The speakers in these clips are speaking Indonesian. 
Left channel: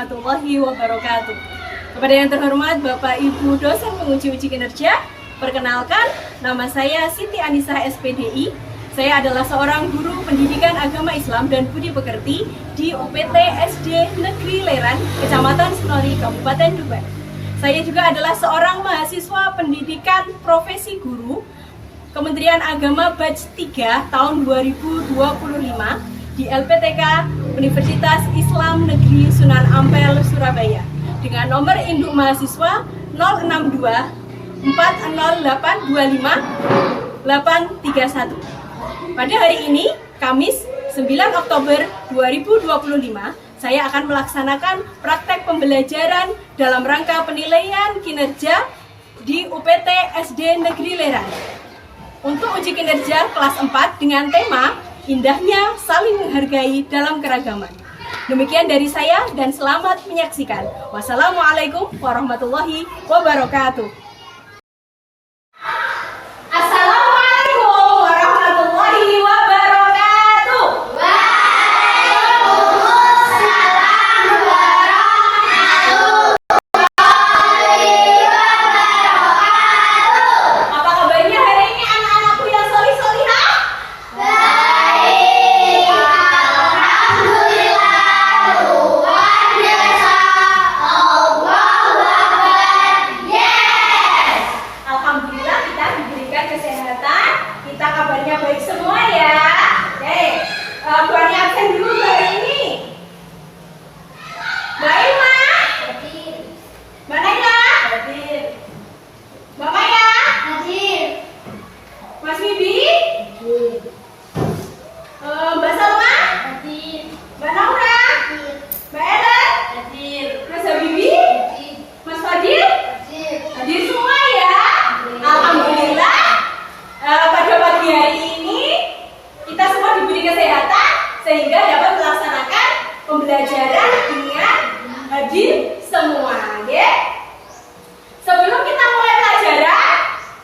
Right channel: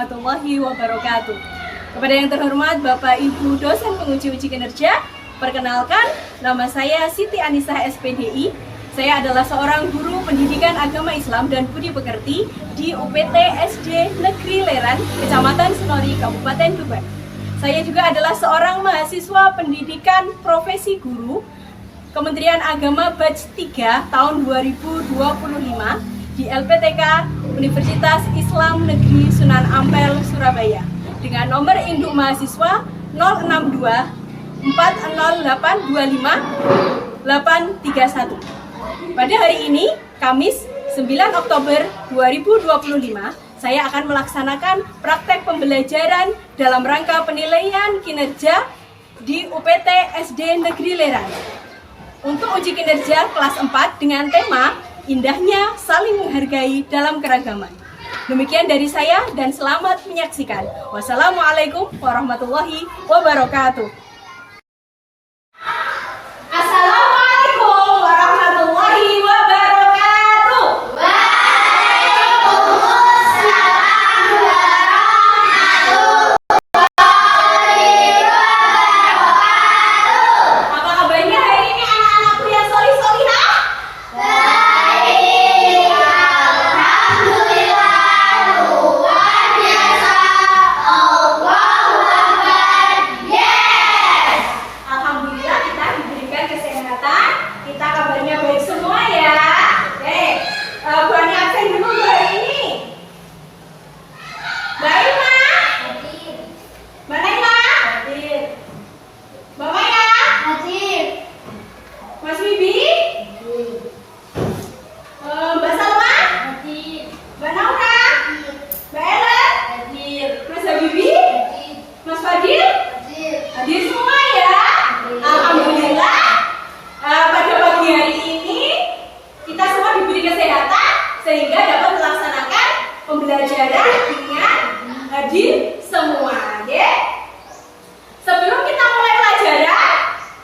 warahmatullahi wabarakatuh. Kepada yang terhormat Bapak Ibu dosen penguji uji kinerja, perkenalkan, nama saya Siti Anisah SPDI. Saya adalah seorang guru pendidikan agama Islam dan budi pekerti di UPT SD Negeri Leran, Kecamatan Senori, Kabupaten Tuban. Saya juga adalah seorang mahasiswa pendidikan profesi guru Kementerian Agama Batch 3 tahun 2025 di LPTK Universitas Islam Negeri Sunan Ampel, Surabaya dengan nomor induk mahasiswa 062 408 25 831. Pada hari ini, Kamis 9 Oktober 2025, saya akan melaksanakan praktek pembelajaran dalam rangka penilaian kinerja di UPT SD Negeri Leran. Untuk uji kinerja kelas 4 dengan tema Indahnya Saling Menghargai Dalam Keragaman. Demikian dari saya dan selamat menyaksikan. Wassalamualaikum warahmatullahi wabarakatuh. Assalamualaikum warahmatullahi wabarakatuh. Waalaikumsalam warahmatullahi wabarakatuh. Apa kabarnya hari ini anak-anakku yang solih-solihah? Baik, alhamdulillah, luar biasa. Allahu Akbar, yes. Alhamdulillah kita diberikan kesehatan, kita kabarnya baik semua ya. Oke, Bu Ani absen dulu hari ini. Mbak Ilma, Mbak Naila, Mbak Maya, Mas Bibi, Mbak Salma, Mbak Naura, Mbak Ellen, Mas Habibi, Mas Fadil, hadir semua ya. Alhamdulillah, pada pagi hari ini kita semua diberi kesehatan sehingga dapat melaksanakan pembelajaran dengan hadir semua, ya. Sebelum kita mulai pelajaran,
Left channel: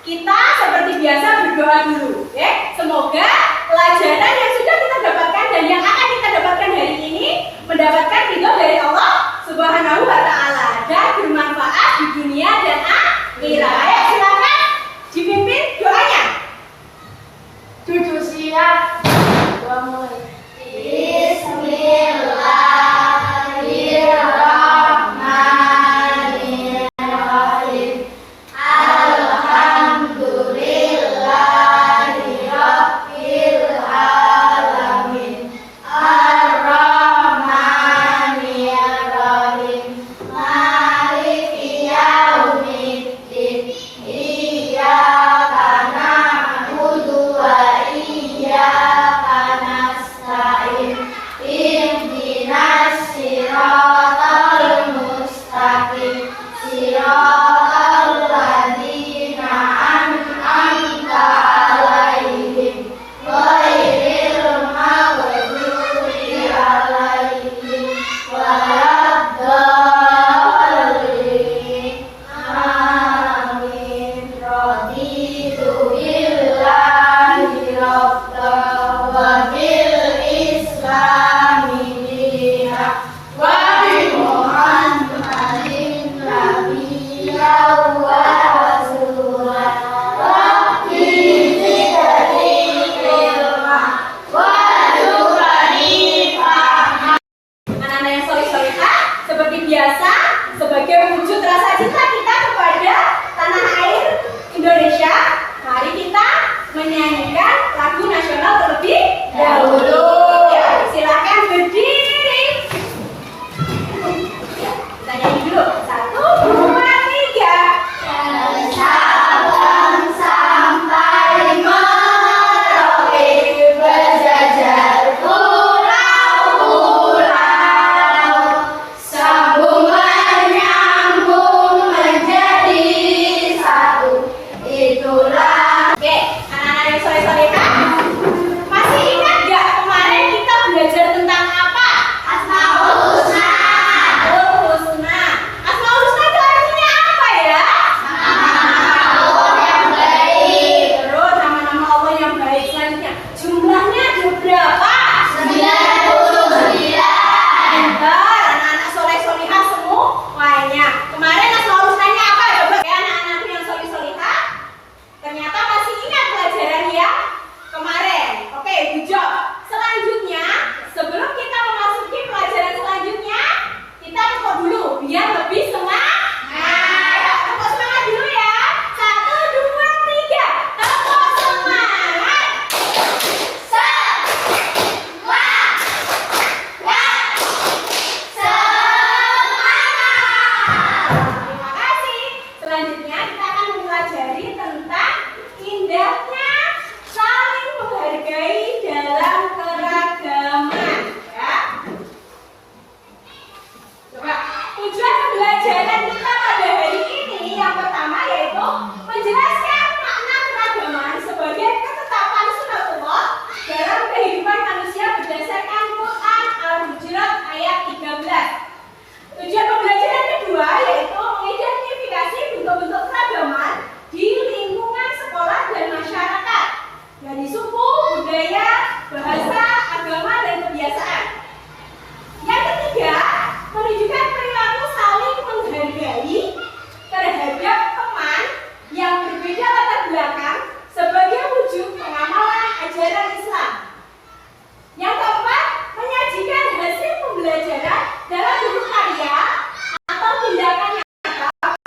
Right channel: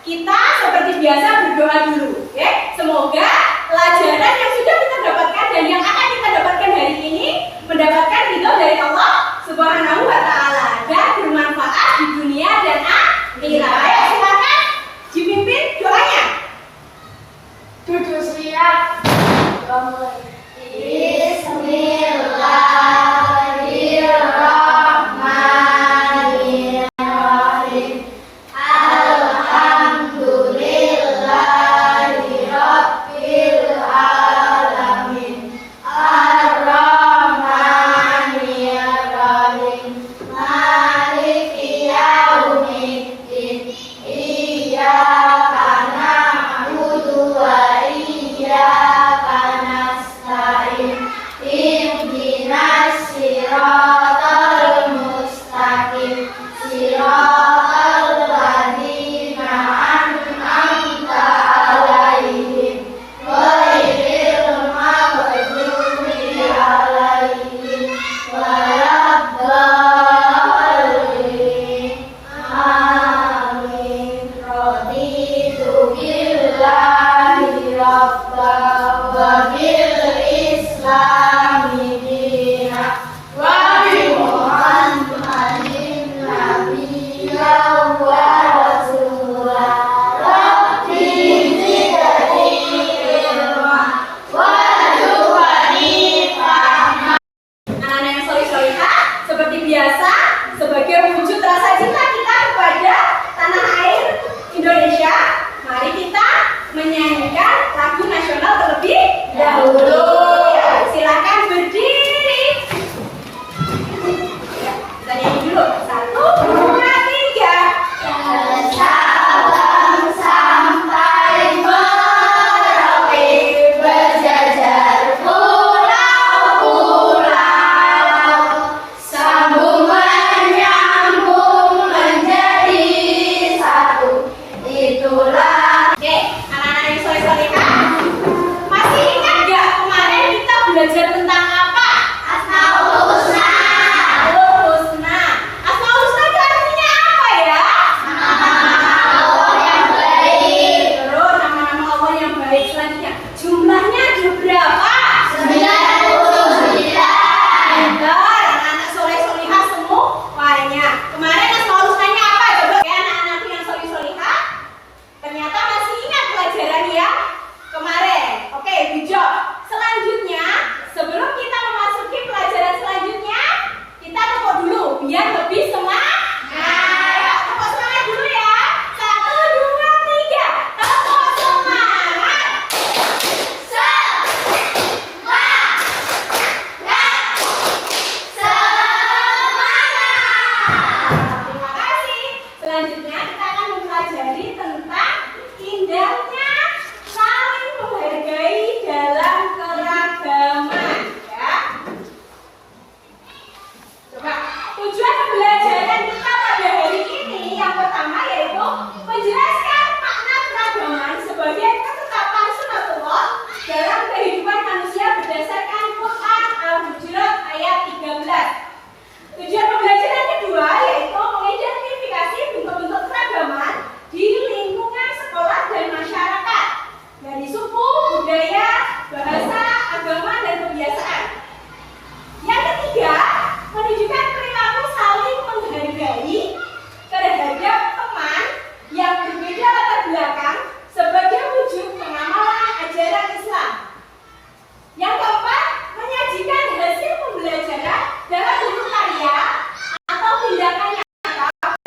kita seperti biasa berdoa dulu, ya. Semoga pelajaran yang sudah kita dapatkan dan yang akan kita dapatkan hari ini mendapatkan ridho dari Allah Subhanahu wa Ta'ala dan bermanfaat di dunia dan akhirat. Ayo silakan dipimpin doanya. Duduk siap. Bismillahirrahmanirrahim. Alhamdulillahirabbil alamin. Ar-Rahmanir-Rahim. Maliki yaumiddin. Iyyaka na'budu wa iyyaka nasta'in. Ihdinas siratal mustaqim. Siratal ladzina an'amta 'alaihim ghairil maghdubi 'alaihim waladdallin. Amin. Raditu billahi rabban wa bil islami dinan wa bi Muhammadin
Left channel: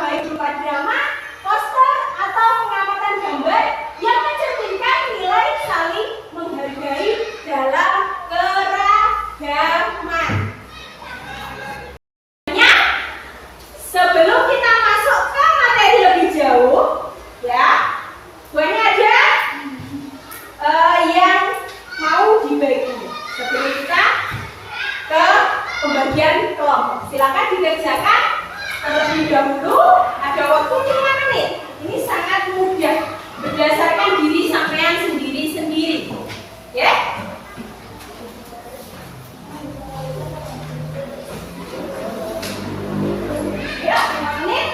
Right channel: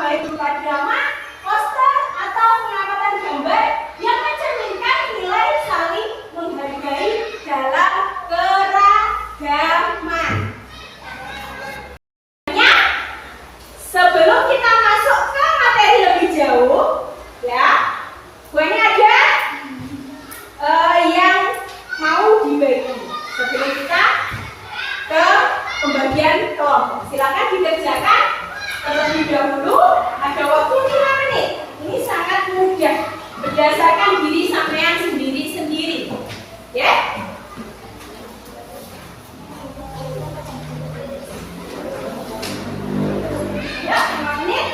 baik berupa drama, poster, atau pengamatan gambar yang mencerminkan nilai saling menghargai dalam keragaman. Sebelum kita masuk ke materi lebih jauh, ya, buahnya ada yang mau dibagi. Sebelum kita ke pembagian kelompok, silakan dikerjakan terlebih dahulu. Ada waktu 5 menit. Ini sangat mudah, berdasarkan diri sampean sendiri-sendiri, ya. Ya, 5 menit.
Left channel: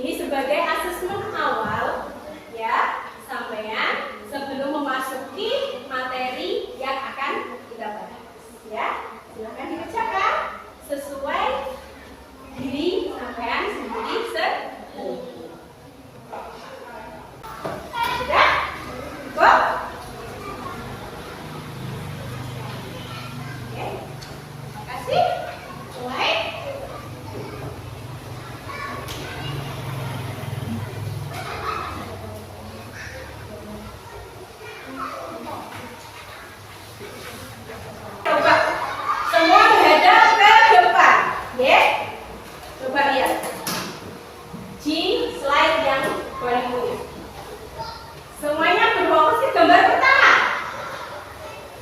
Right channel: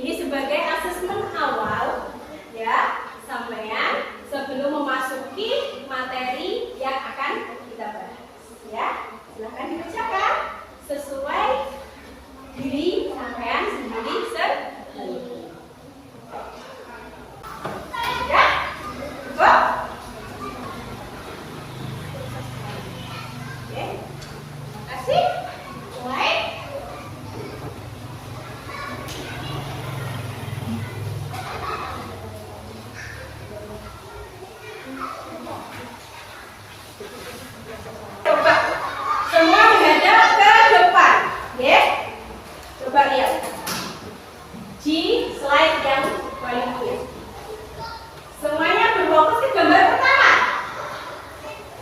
Ini sebagai asesmen awal, ya, sampean sebelum memasuki materi yang akan kita bahas, ya. Silakan dikerjakan sesuai diri sampean sendiri-sendiri. Sudah? Cukup? Oke. Terima kasih. Mulai. Coba semua menghadap ke depan, ya. Coba lihat di slide yang paling mulia. Semuanya berfokus ke gambar pertama.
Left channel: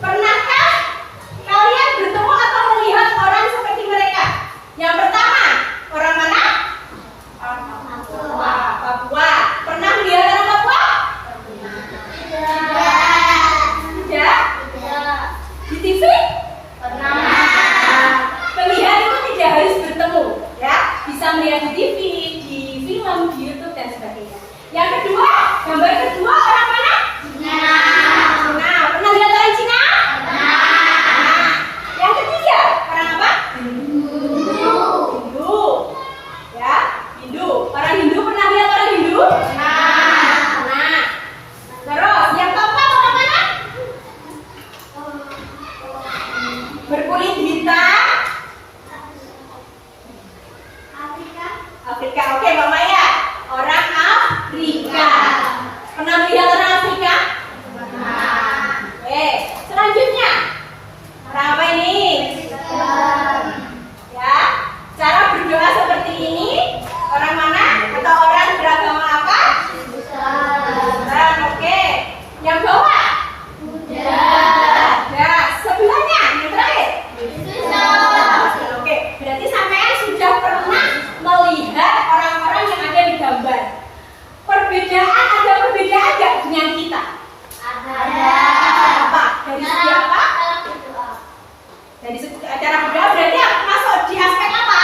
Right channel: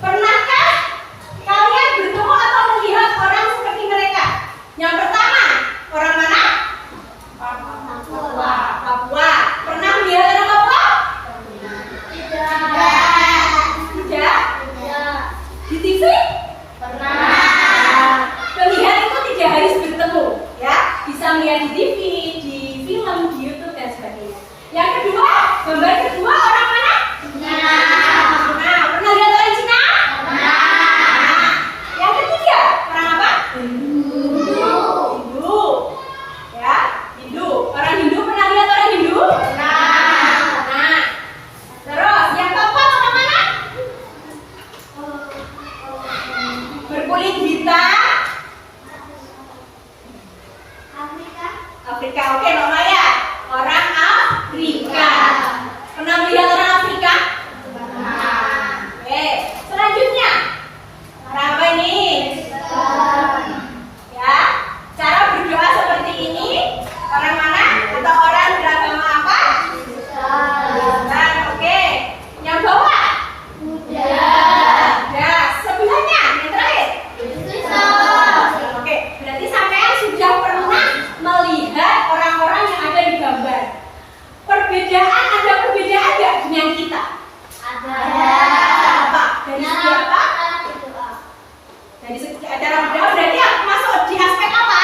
Pernahkah kalian bertemu atau melihat orang seperti mereka? Yang pertama, orang mana? Orang Papua. Papua. Pernah melihat orang Papua? Tidak. Di TV? Pernah. Pelihat itu tidak harus bertemu, ya. Bisa melihat di TV, di film, di YouTube dan sebagainya. Yang kedua, gambar kedua orang mana? Cina. Nah, pernah lihat orang Cina? Pernah. Yang ketiga, orang apa? Hindu. Hindu. Ya, Hindu. Orang Hindu pernah lihat orang Hindu? Nah. Terus, yang keempat orang mana? Berkulit hitam. Afrika. Oke, Mbak Maya. Orang Afrika. Pernah melihat orang Afrika? Pernah. Oke, selanjutnya. Orang apa ini? Ya, cara berdoa seperti ini. Orang mana? Atau orang beragama apa? Islam. Oke. Yang bawah? Ya, sebelahnya yang terakhir. Oke, berarti sampean sudah pernah melihat orang-orang yang ada di gambar. Ada perbedaan nggak dengan kita? Ada. Apa? Dari segi apa? Dari segi cara berdoa berarti masuk di aspek apa?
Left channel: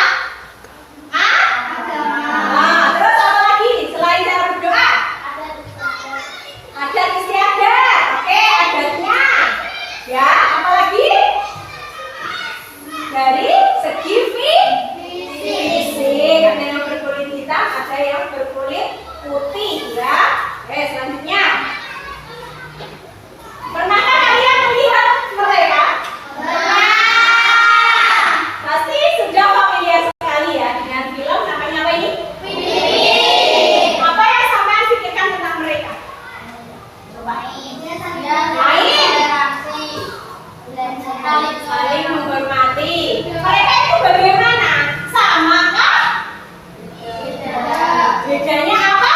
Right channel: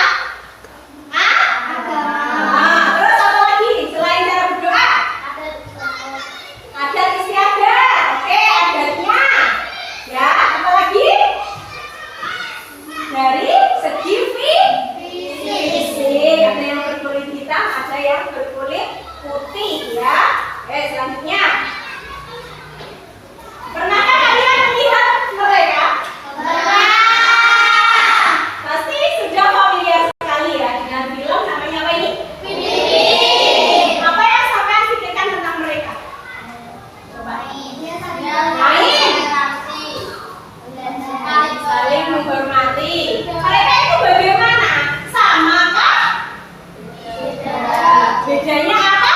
Nah, terus apa lagi selain cara berdoa? Adat istiadat. Oke, adatnya. Ya, apa lagi? Dari segi fisik. Ada yang berkulit hitam, ada yang berkulit putih, ya. Oke, selanjutnya. Pernahkah kalian melihat mereka? Pernah. Pasti sudah familiar sekali ya dengan film namanya apa ini? Apa yang sampean pikirkan tentang mereka? Saling menghormati. Mereka itu bagaimana? Samakah? Bedanya apa?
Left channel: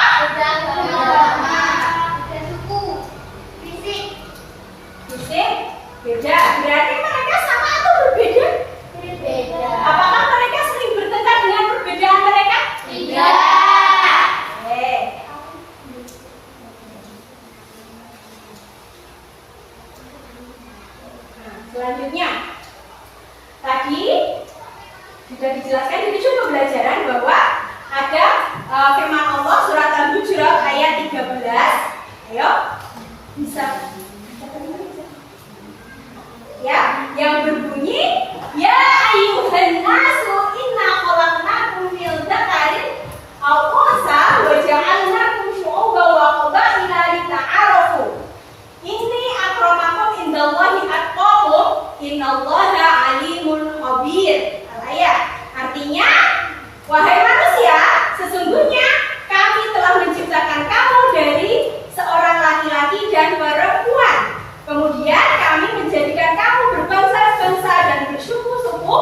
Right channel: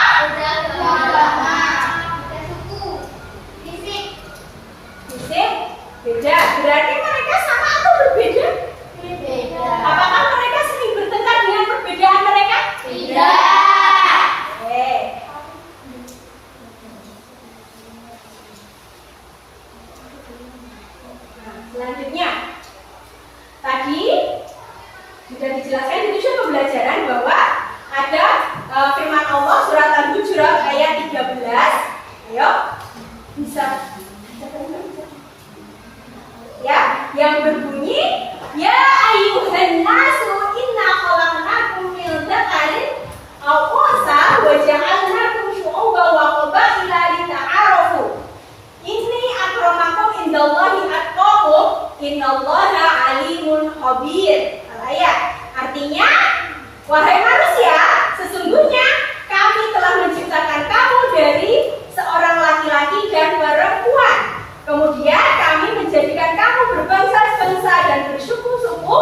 Sesungguhnya kami telah menciptakan kamu dari seorang laki-laki dan perempuan. Kemudian kami menjadikan kamu berbangsa-bangsa dan bersuku-suku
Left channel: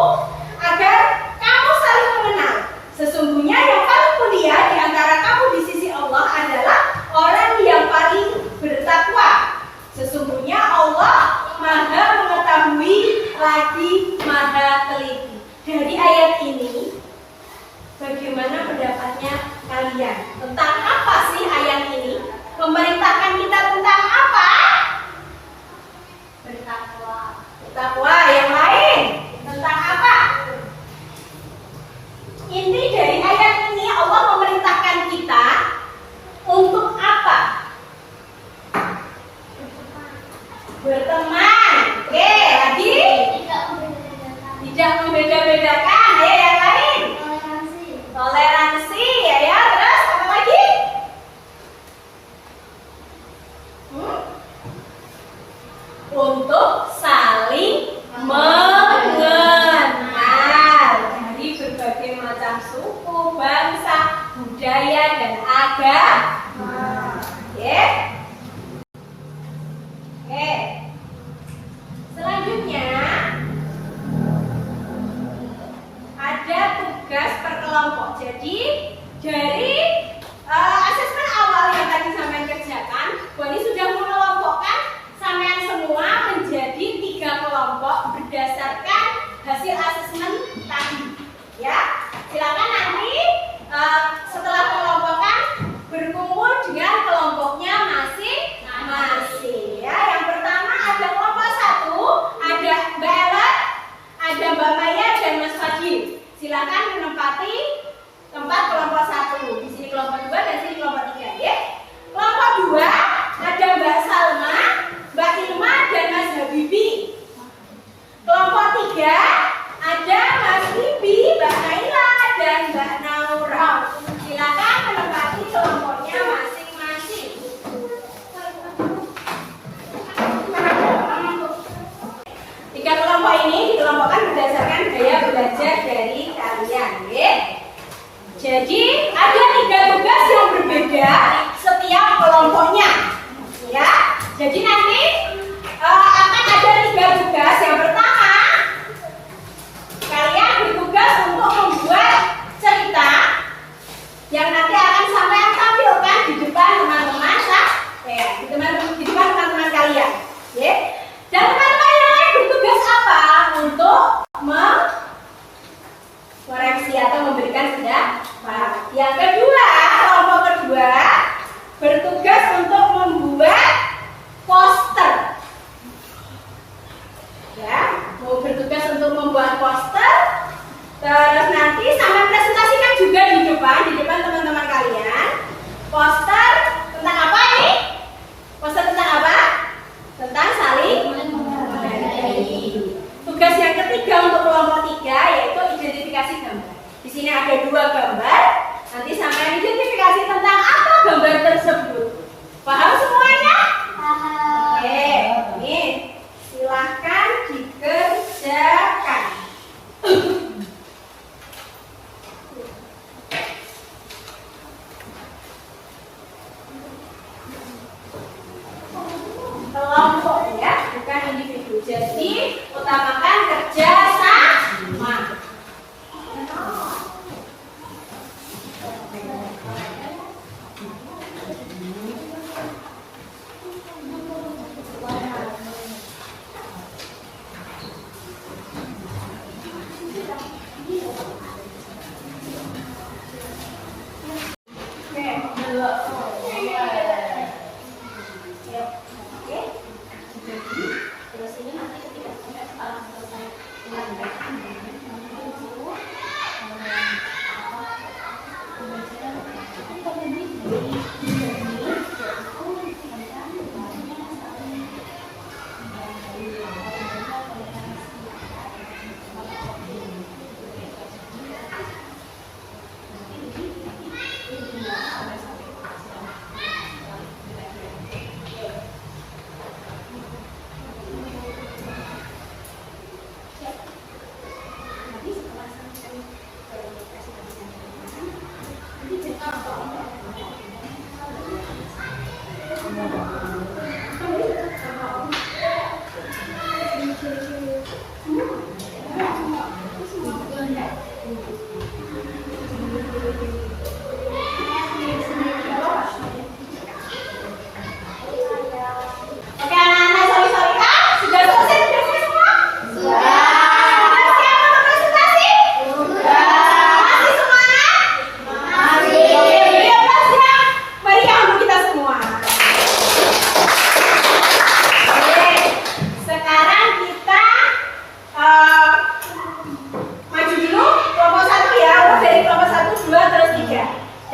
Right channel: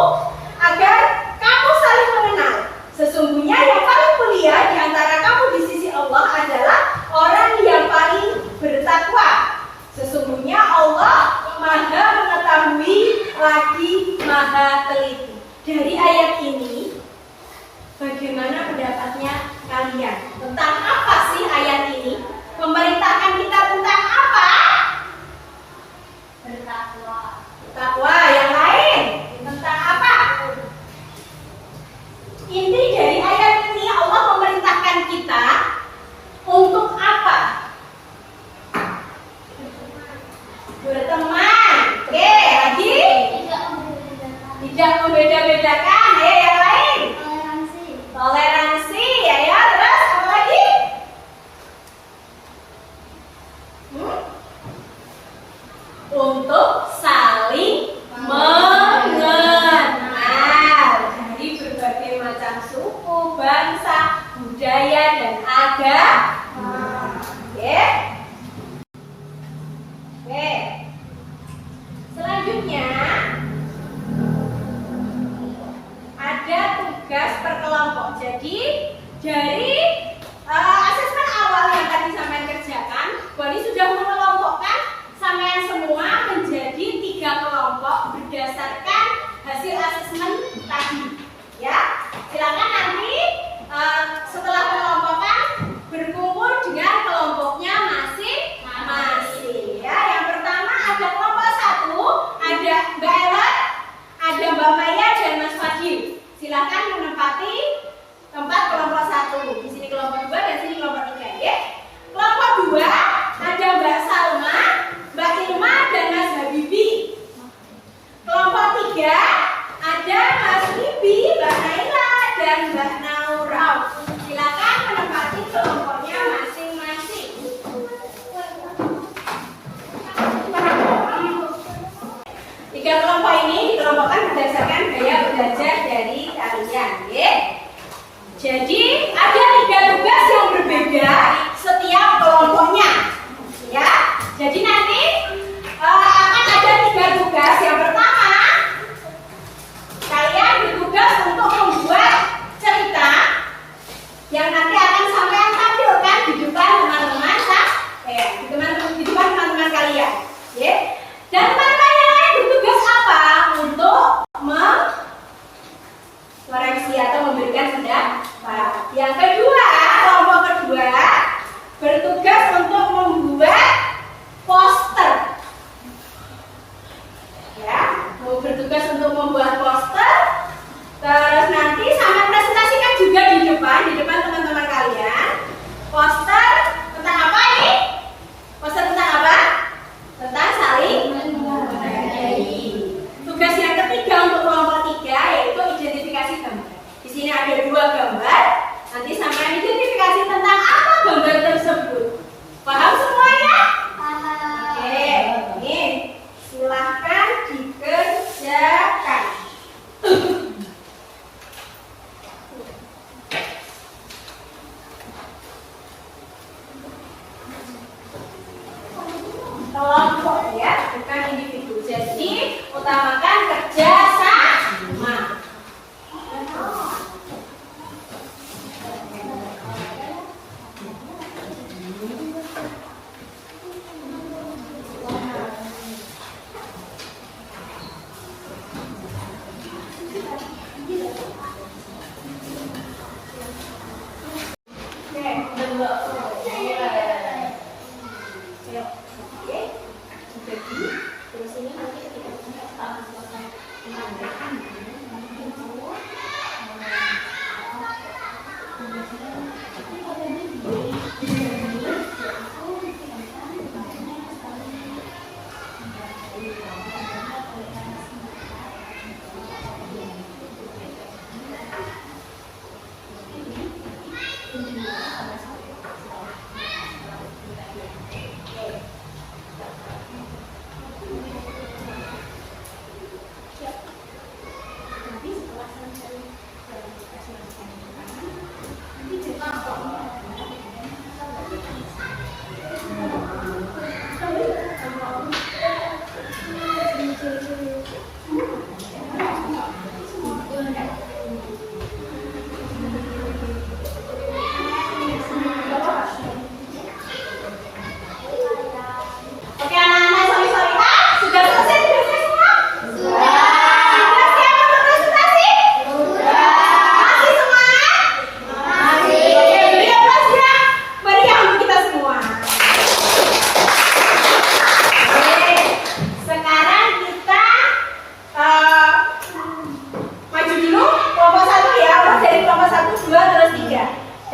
agar kamu saling mengenal. Sesungguhnya yang paling mulia di antara kamu di sisi Allah adalah orang yang paling bertakwa. Sesungguhnya Allah Maha mengetahui lagi Maha teliti. Dari ayat ini, bagaimana pendapatnya kalian? Tentang apa sih ayat ini? Memerintahkan kita tentang apa? Bertakwa. Bertakwa. Yang lain tentang apa? Inti dari ayat ini, Allah memerintahkan kita untuk apa? Berteman. Oke, lagi? Tidak membeda-bedakan. Ya, yang lain? Toleransi. Toleransi. Ya, terus apa lagi? Untuk saling mengenal dari berbagai macam suku, bangsa, budaya, dan agama. Oke. Oke. Selanjutnya ada tugas per kelompok. Jadi dari asesmen awal yang tadi sampean kerjakan, Bu Ani sudah mengelompokkan sampean semua menjadi 3 kelompok berdasarkan hasil asesmen tadi. Ya, silakan nanti setelah pengelompokan berkumpul dengan kelompoknya masing-masing. Ya, yang pertama ada kelompok 1, ada Mbak Ellen, ada Mbak Maya dan Mas Fadil. Silakan menempati tempat kelompok 1. Di sini kelompok 2 dan sini kelompok 3, ya. Kelompok 2 ada Mbak Salma, Mbak Ilma dan Mas Habibi. Kelompok 3 ada Mas Bibi, Mbak Naila dan Mbak Naura. Silakan menempati kelompoknya masing-masing. 3 kelompok ini dikelompokkan berdasarkan gaya belajar dari kalian, ya. Jadi ada 3 tugas yang berbeda setiap kelompoknya, ya. Jadi nanti akan ada 3 tugas. Yang pertama, kalian bertugas untuk membuat cerita yang nanti akan sampean tampilkan di depan teman-teman, di depan teman-teman kalian, ya. Dan teman-teman yang lain bertugas apa? Untuk mengoreksi atau memberikan pendapat. Yang kedua, kelompok kedua bertugas untuk membuat poster. Ya, mau bertugas untuk membuat poster. Terus nanti sampai presentasikan juga di depan teman-teman kalian. Poster tentang apa ini? Poster tentang apa? Tentang saling menghargai. Tugas yang ketiga untuk kelompok 3 yaitu identifikasi gambar. Di sini ada 2 gambar. Nanti sampai identifikasi tentang apa gambar tersebut. Paham semuanya? Paham. Oke, ini silahkan dikerjakan.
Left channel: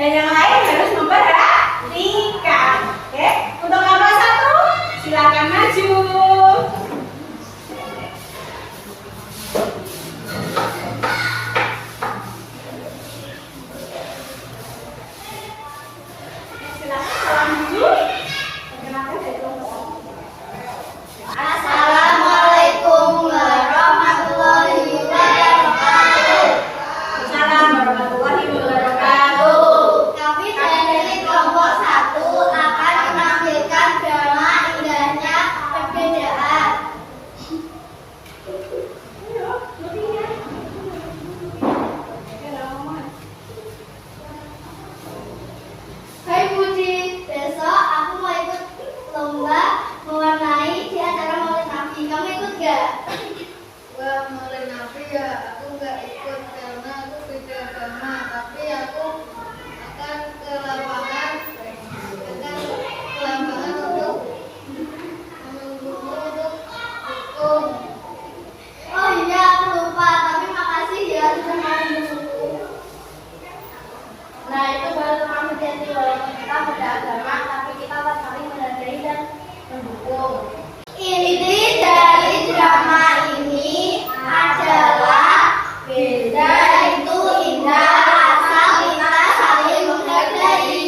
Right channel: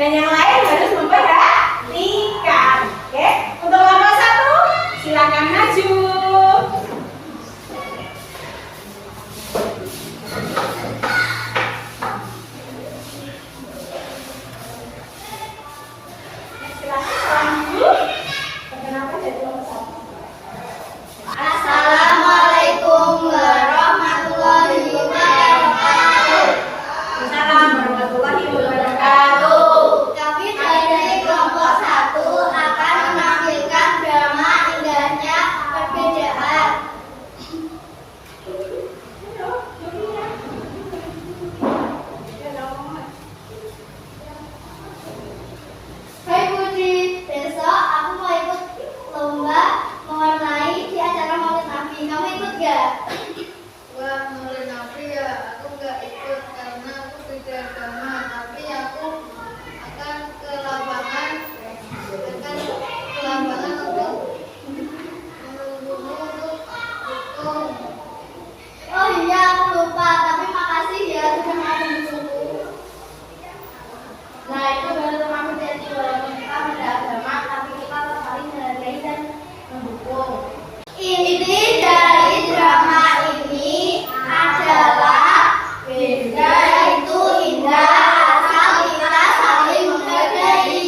dan yang lain harus memperhatikan. Oke, untuk kelompok 1 silakan maju. Silakan salam dulu. Perkenalkan dari kelompok 1. Assalamualaikum warahmatullahi wabarakatuh. Salam warahmatullahi wabarakatuh. Kami dari kelompok 1 akan menampilkan drama indahnya perbedaan. Hai Putri, besok aku mau ikut lomba mewarnai di acara Maulid Nabi. Kamu ikut gak? Wah, Maulid Nabi ya, aku nggak ikut karena aku beda agama. Tapi aku akan ke lapangan untuk menunggumu untuk dukung. Oh iya, aku lupa. Tapi makasih ya sudah mau mendukungku. Nah, itu baru teman hati-hati. Walaupun kita beda agama, tapi kita tetap saling menghargai dan mendukung. Inti dari drama ini adalah beda itu indah asal kita saling menghargai.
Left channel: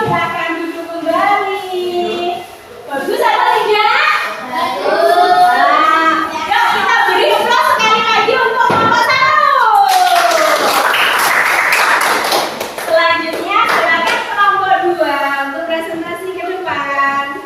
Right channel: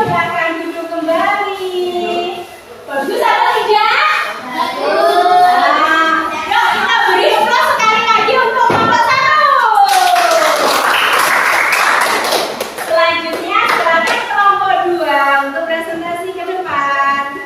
Silakan duduk kembali. Bagus atau tidak? Bagus. Yuk kita beri aplaus sekali lagi untuk kelompok 1. Selanjutnya silakan kelompok 2 untuk presentasi ke depan.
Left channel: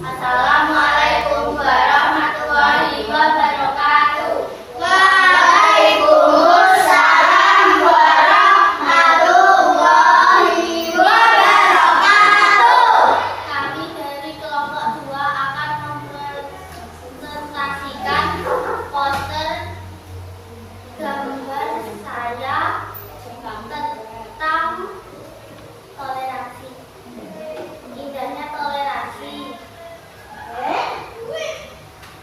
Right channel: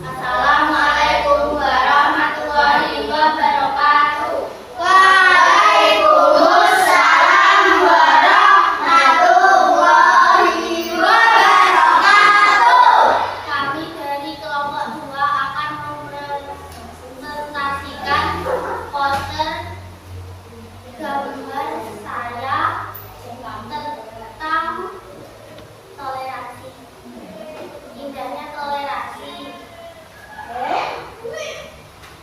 Assalamualaikum warahmatullahi wabarakatuh. Waalaikumsalam warahmatullahi wabarakatuh. Kami dari kelompok 2 akan mempresentasikan poster gambar saya tentang toleransi. Indahnya toleransi.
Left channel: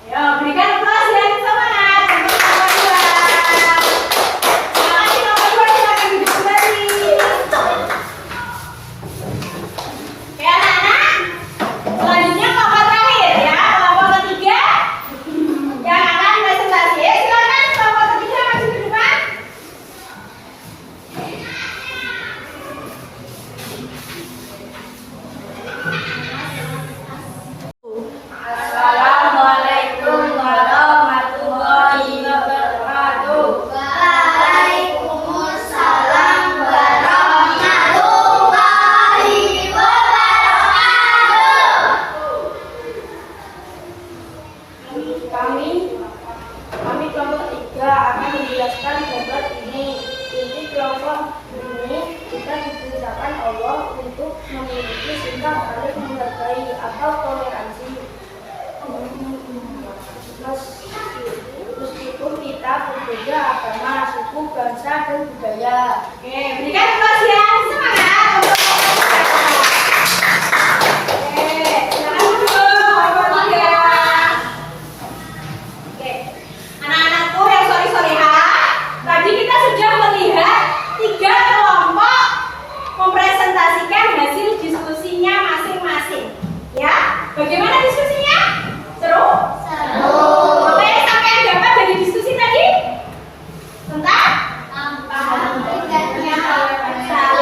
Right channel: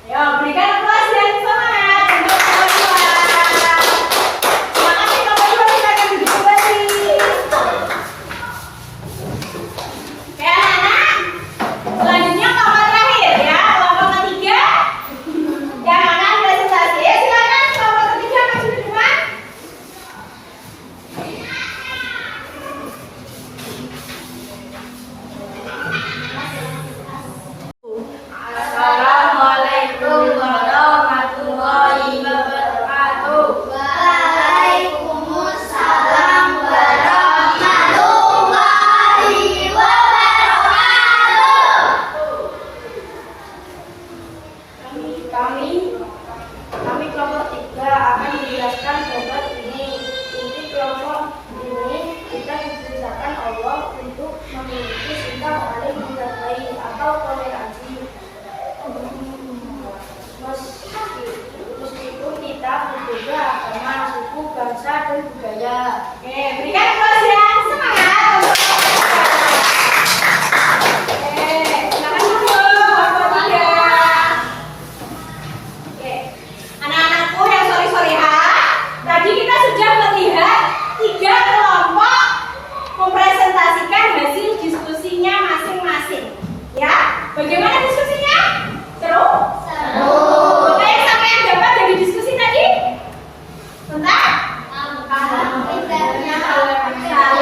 Yo, berikan aplaus dan semangat untuk kelompok 2. Silakan si kelompok 2 silakan duduk kembali. Oke anak-anak, selanjutnya kelompok terakhir ya, kelompok ketiga yang akan presentasi. Silakan kelompok ketiga maju ke depan. Assalamualaikum warahmatullahi wabarakatuh. Waalaikumsalam warahmatullahi wabarakatuh. Kami kelompok 3 akan menjelaskan gambar ini. Inti kelompok ini kita diperintahkan Allah untuk memiliki sikap saling menghargai atau toleransi. Meskipun kita berbeda agama, suku, bangsa, dan budaya. Oke, berikan aplaus yang semangat untuk Oke, silakan duduk kelompok 3. Oke, anak-anakku yang sorry-sorryhan, tadi kita sudah melihat 3 kelompok mempresentasikan hasil diskusinya masing-masing. Ya, bagaimana diskusinya? Seru? Seru. Oke, sampai yang dapat dari diskusi tadi? Tentang? Indahnya toleransi.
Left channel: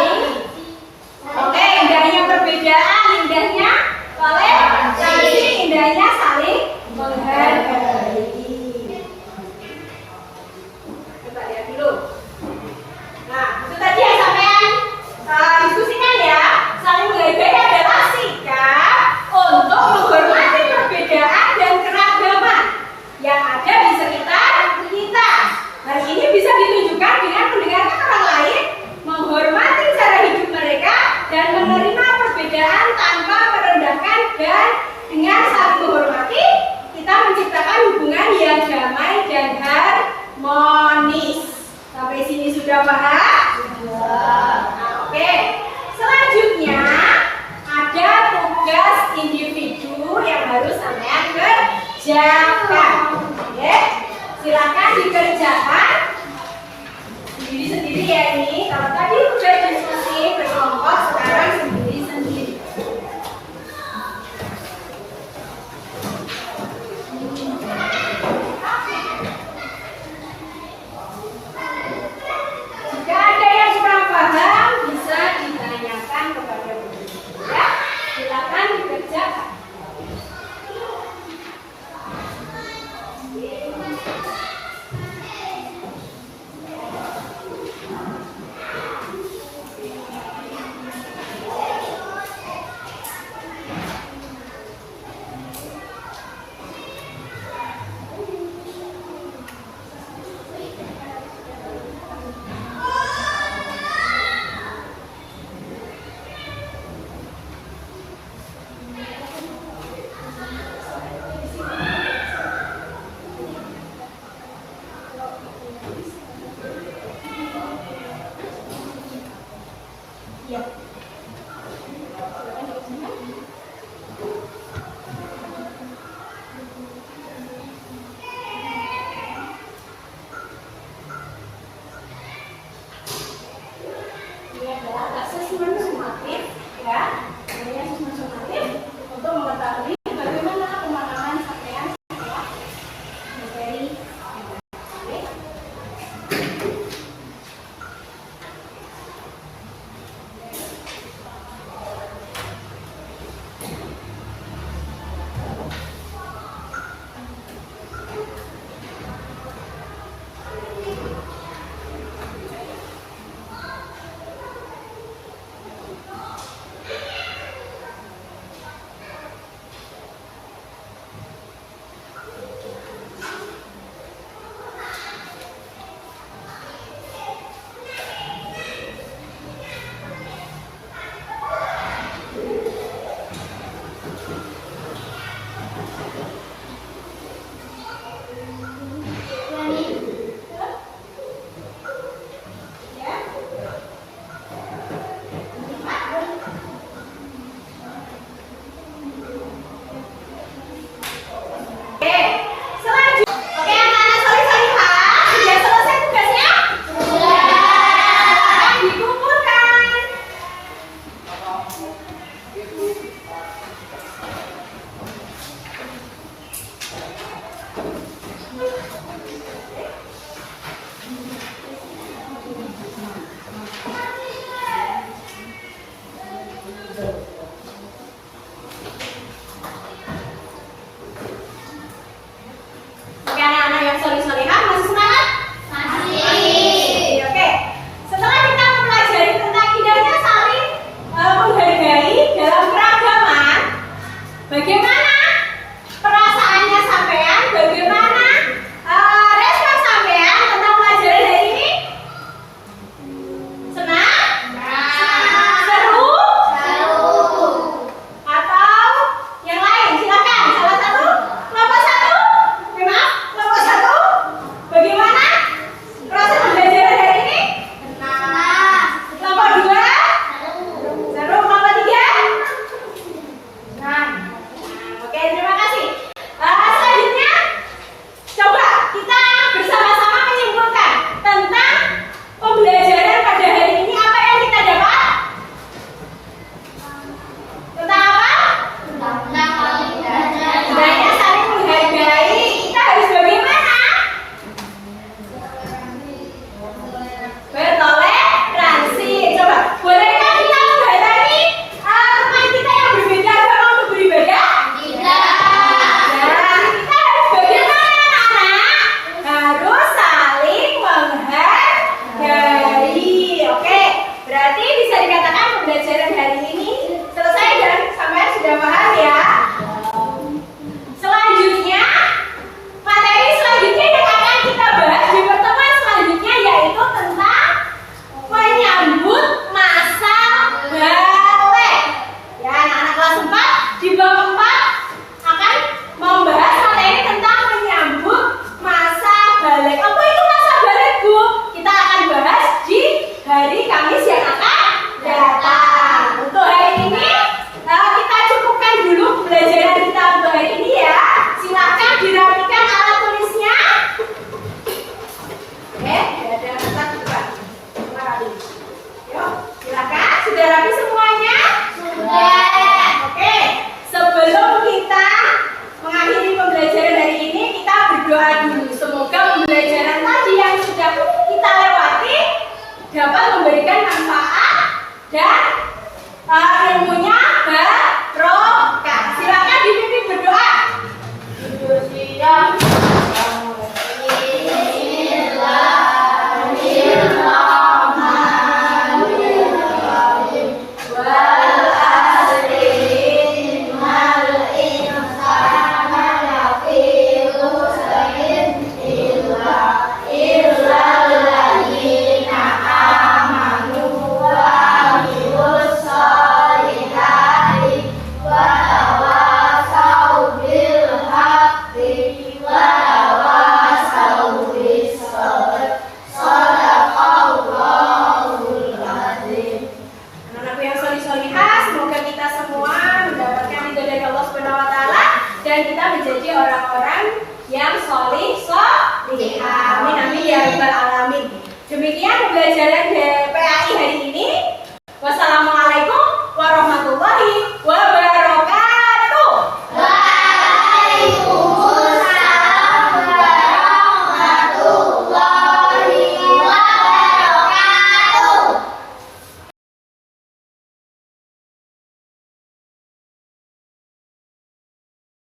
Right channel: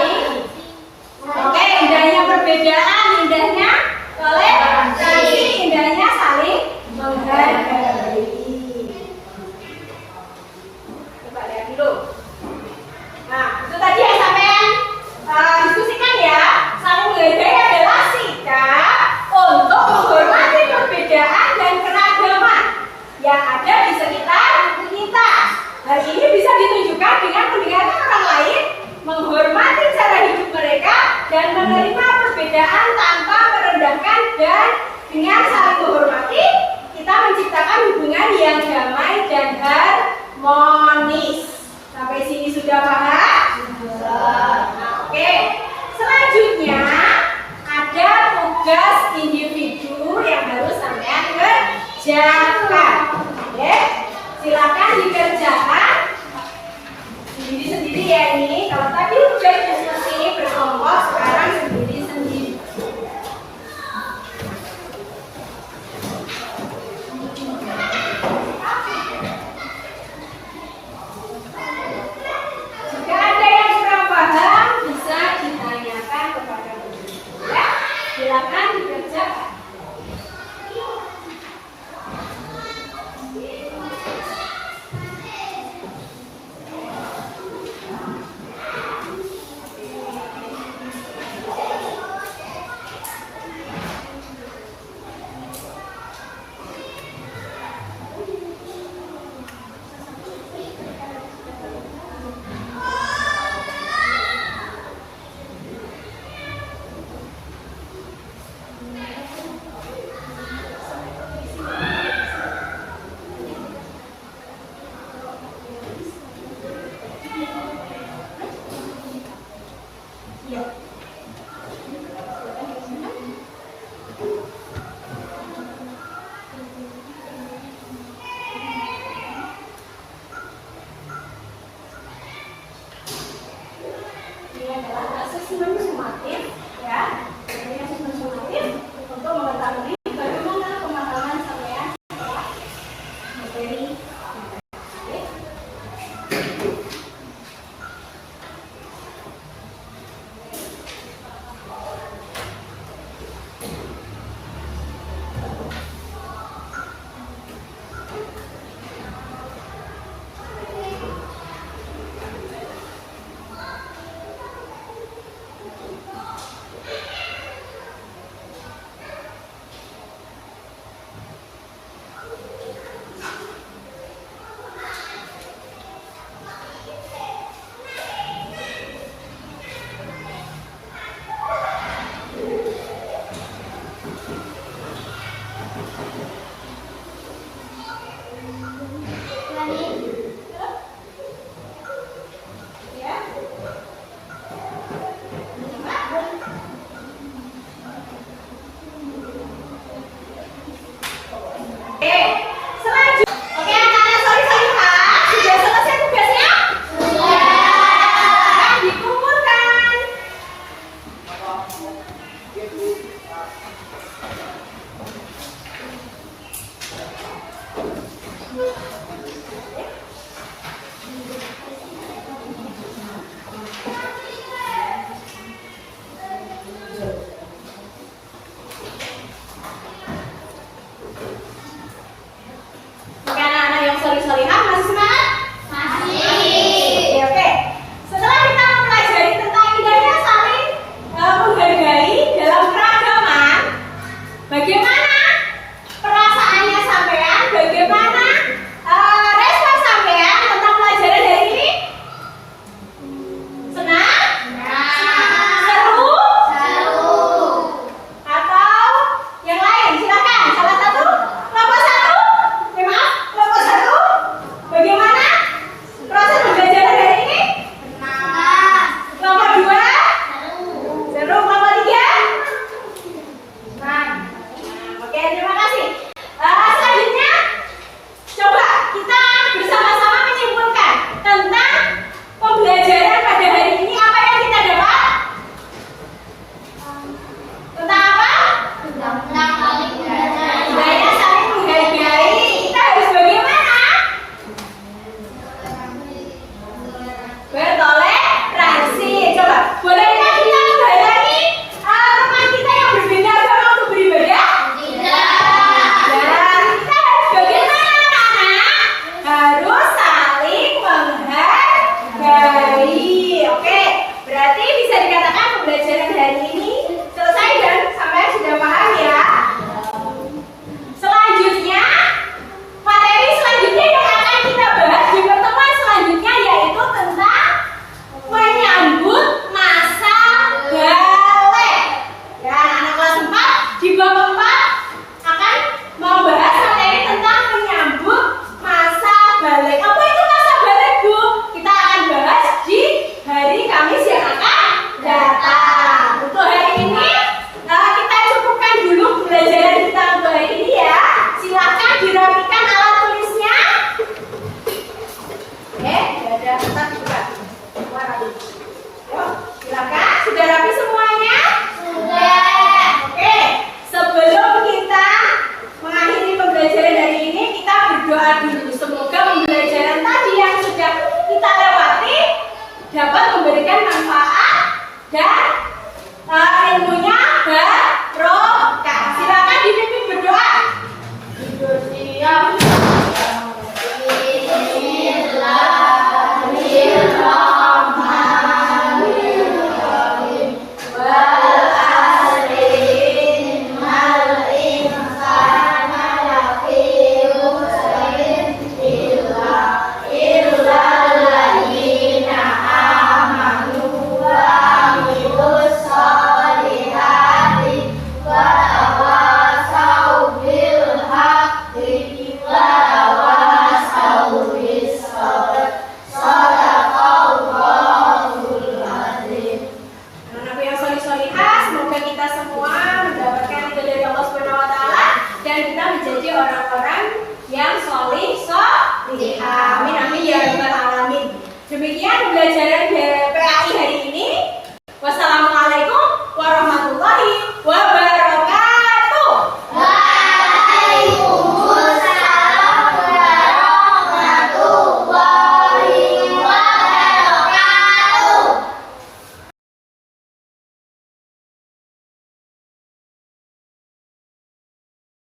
kerjakan. Ya, silakan dikerjakan sendiri-sendiri ya ini. Kalau tadi udah diskusi berkelompok, sekarang sendiri-sendiri. Jika ada yang kurang paham, bisa ditanyakan kepada guru. Ya, silakan dikerjakan. Ini adalah asesmen sumatif, ya. Ini asesmen sumatif untuk mengetahui bagaimana pemahaman sampean setelah materi. Oke. hari Kamis yang akan datang. dan ilmunya barokah. Silakan dipimpin berdoa. Amin amin ya rabbal alamin. Demikian pembelajaran dari